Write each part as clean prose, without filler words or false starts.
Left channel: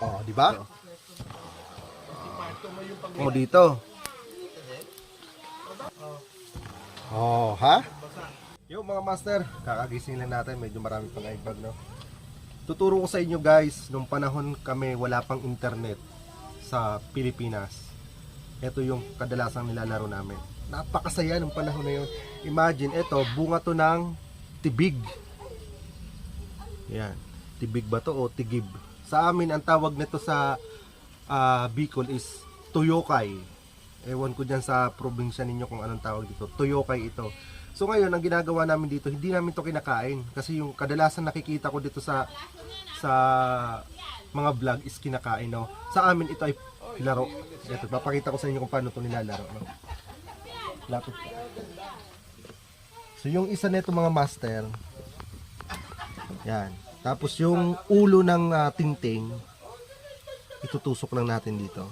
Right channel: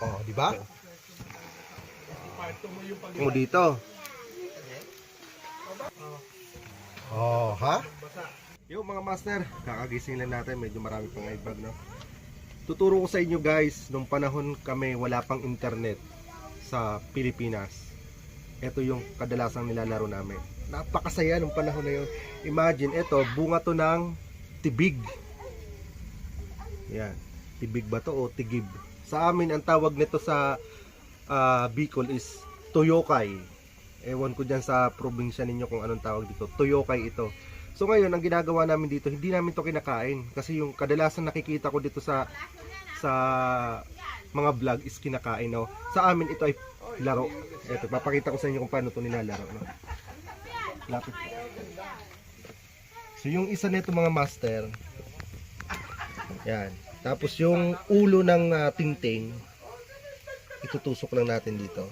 Oh, di ba? Mo dito. Oh, ha? Yung mga master, kakagising lang natin, medyo marami pang iBag, no? Tuturo ko sa inyo guys, nung panahon kami wala pang internet sa Pilipinas. Ito yung kadalasang nilalaro namin. Napakasaya nung panahon na yun. Imagine, ito, bunga to ng tibig. Yan. Tibig ba to o tigib? Sa amin, ang tawag nito sa Bicol is Toyokay. Ewan ko dyan sa probinsya ninyo kung anong tawag dito. Toyokay ito. So ngayon, ang ginagawa namin dito, hindi namin to kinakain. Kasi yung kadalasan nakikita ko dito sa mga vlog is kinakain. No? Sa amin, ito ay laro. Ito, papakita ko sa inyo kung paano to nilalaro. No? Lapit. So yung isa nito mga master, yan. Tapos yung ulo ng tingting, itutusok lang natin dito.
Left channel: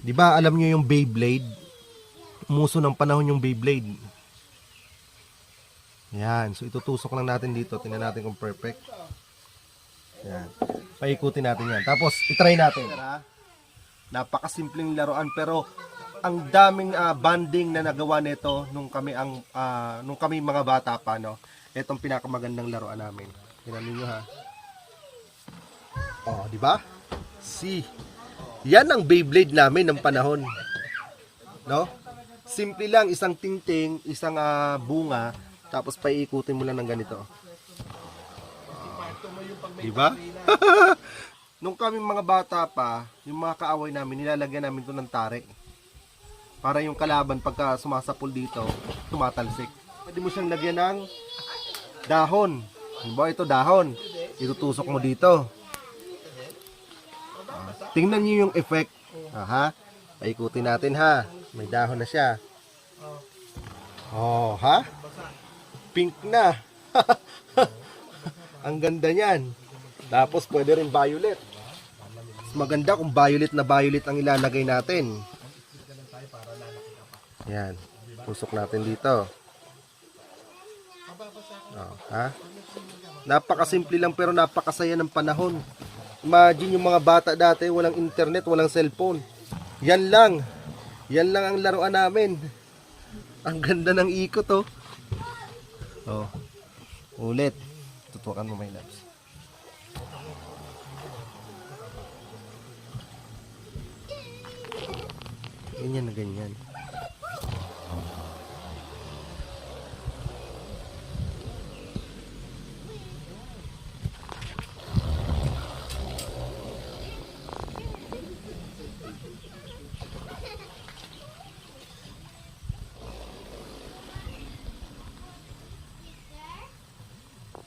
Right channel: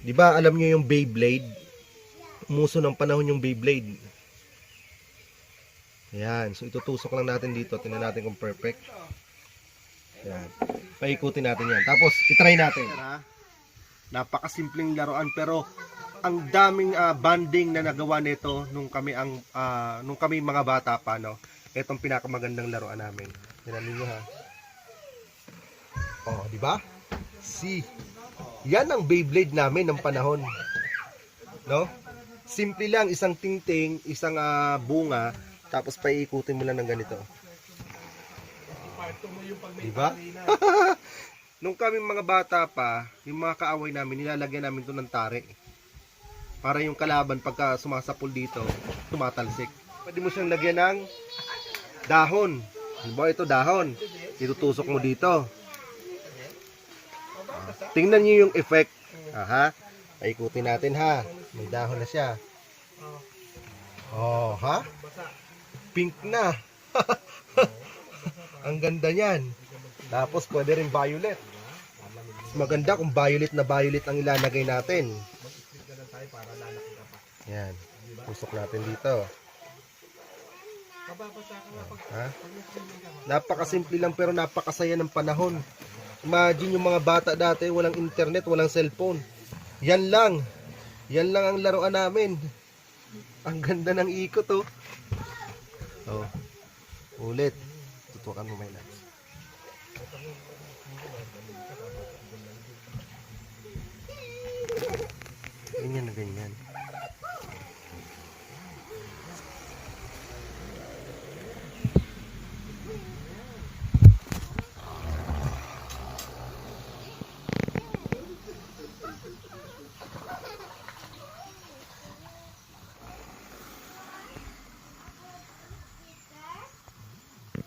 Di ba alam nyo yung Beyblade? Umuso ng panahon yung Beyblade. Yan. So itutusok lang natin dito. Tingnan natin kung perfect. Yan. Paikutin natin yan. Tapos itry natin. Napakasimpleng laruan pero ang daming banding na nagawa nito nung kami mga bata pa, no. Itong pinakamagandang laruan namin. Tingnan niyo ha. Oh, di ba? Yan ang Beyblade namin ng panahon. No? Simple lang, isang tingting, isang bunga, tapos paiikutin mo lang ng ganito. Di ba? Nung kami mga bata pa, yung mga kaaway namin, nilalagyan namin to ng tare. Para yung kalaban pagka sumasapul dito, tumatalsik. Pwede mo siyang lagyan ng dahon. Diba ito dahon? Itutusok mo dito. Tingnan niyo yung effect. Aha. Paikutin natin ha. May dahon na siya. Oh, ha? Pink na. Ang ganda niyan. Tapos pwede rin violet. Mas maganda kung violet na violet ang ilalagay natin. Yan. Tusok natin dito. Oh, ha? Napakasimple lang pero napakasaya ng panahon. Imagine yung mga bata dati, walang internet, walang cellphone. Yan lang ang laruan namin. Ang ganda ng ikot, oh. Oh. Ulit. Tutukan mo may lights. Ganyan na ganyan.